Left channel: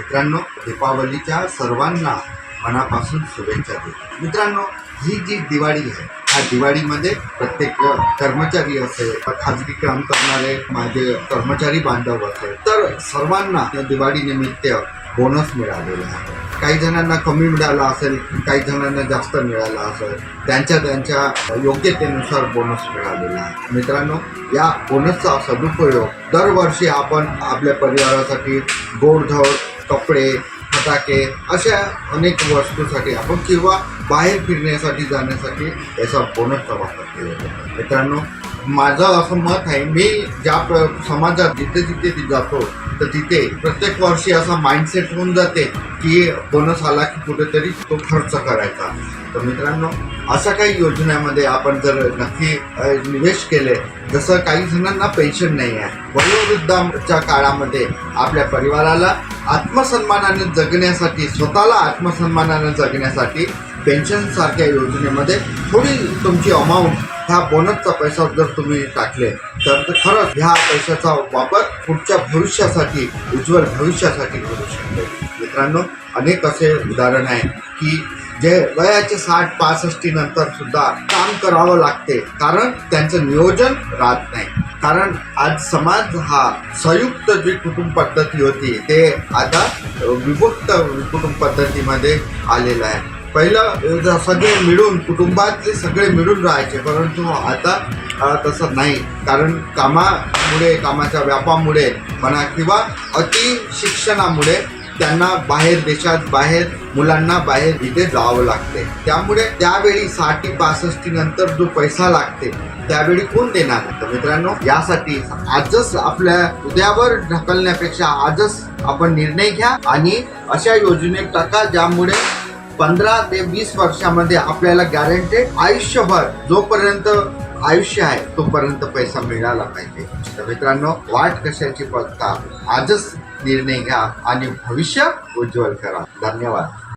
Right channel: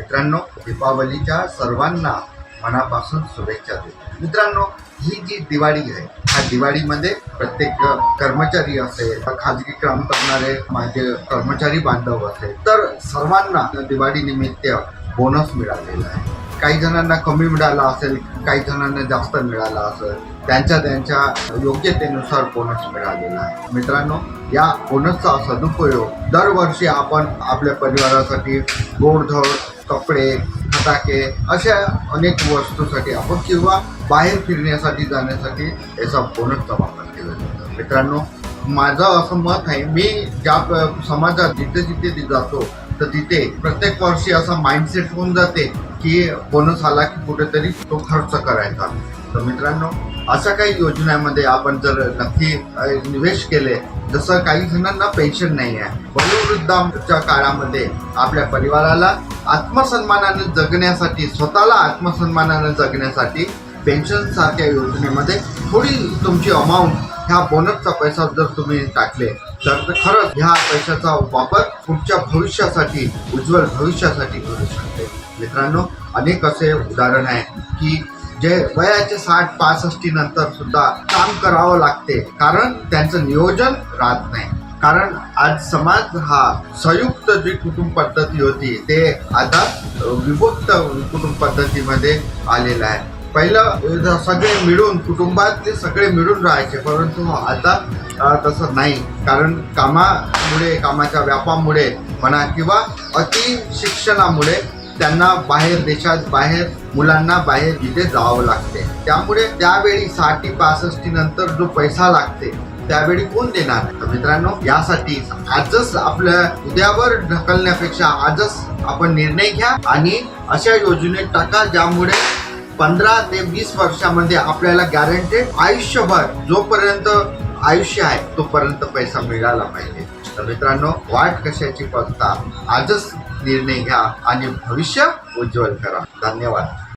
मित्रांनो, दीपावलीच्या सर्वांना मनापासून शुभेच्छा देतो। मित्रांनो, ही जी दिवाळी आहे, ह्या दिवाळीमध्ये प्रत्येक कर्मचारी असेल, खाजगी काम करणारे माझे कर्मचारी बांधव असेल, तर सर्वांना दिवाळी निमित्त बोनस मिळालेला आहे। काही जणांना कमी मिळाला असेल, काही जणांना जास्त मिळाला असेल, त्यांच्या योग्यतेनुसार बोनस मिळालेला आहे। मित्रांनो, या बोनसचा सदुपयोग दरवर्षी आपण आपल्या परिवारासाठी गोडधोड, कपडे, फटाके अशा अनेक वस्तूसाठी आपण किंवा बाहेर फिरण्यासाठी जाण्यासाठी याचा बोनसचा वापर केला जातो। मित्रांनो, माझं असं मत आहे, मी ज्या समाजात जिथे जिथे जातो तर तिथे प्रत्येक वर्षी असा माइंडसेट होऊन जाते की बोनस आला की कुठेतरी तो खर्च करायचा। तर मित्रांनो, अशा काही योजनेमध्ये आपण जर नक्की निवेश केले, जसं काही जणांना पेन्शन नाही आहे, वयोवृद्धाच्या काळामध्ये आपल्या परिवाराला आत्मसन्मानाने जगण्यासाठी, स्वतःला आत्मसन्मानाने जगण्यासाठी पेन्शन सारख्या योजनेमध्ये थोडी तुमची अमाऊंट ह्या बोनसचा पैसा जर तुम्ही टाकले तर खरंच ह्या पैशाचा वापर पुढच्या भविष्यासाठी, उज्ज्वल भविष्यासाठी करू शकते। मित्रांनो, अनेक असे उदाहरण आहे की जे वयाचे 60-65 नंतर सुद्धा काम करावं लागते, कारण त्यांचं नियोजन राहत नाही। कारण आज समाज हा संयुक्त जी कुटुंब पद्धती होती ते आता विभक्त कुटुंब पद्धतीमध्ये आलेला आहे। पहिलं सगळे मिळून, कुटुंबातले सगळे मिळून राहायचे, परंतु आता तसं नाही। कारण कामामुळे, कामाच्या व्यापामुळे म्हणा किंवा अति शिक्षणामुळे त्यांना बाहेर देशात, बाहेर मुलांना बाहेर इथे जावं लागते। त्यामुळे त्यावेळी 60-65 नंतर जो पैसा लागते त्यावेळी कोण देणार? तर मित्रांनो, यासाठी आजच आपल्या उद्यावर ढकलण्यापेक्षा आजच आपण निर्णय घ्या आणि अशा योजनेत टाका ज्यामुळे 15 ते 20 वर्षामध्ये आपल्याला गॅरंटेड आयुष्यभर, जोपर्यंत आयुष्य आहे तोपर्यंत पैसा मिळाला पाहिजे। तर मित्रांनो, वाट कशाची बघता, आजच निर्णय घ्या आणि भविष्य उज्ज्वल करा। धन्यवाद।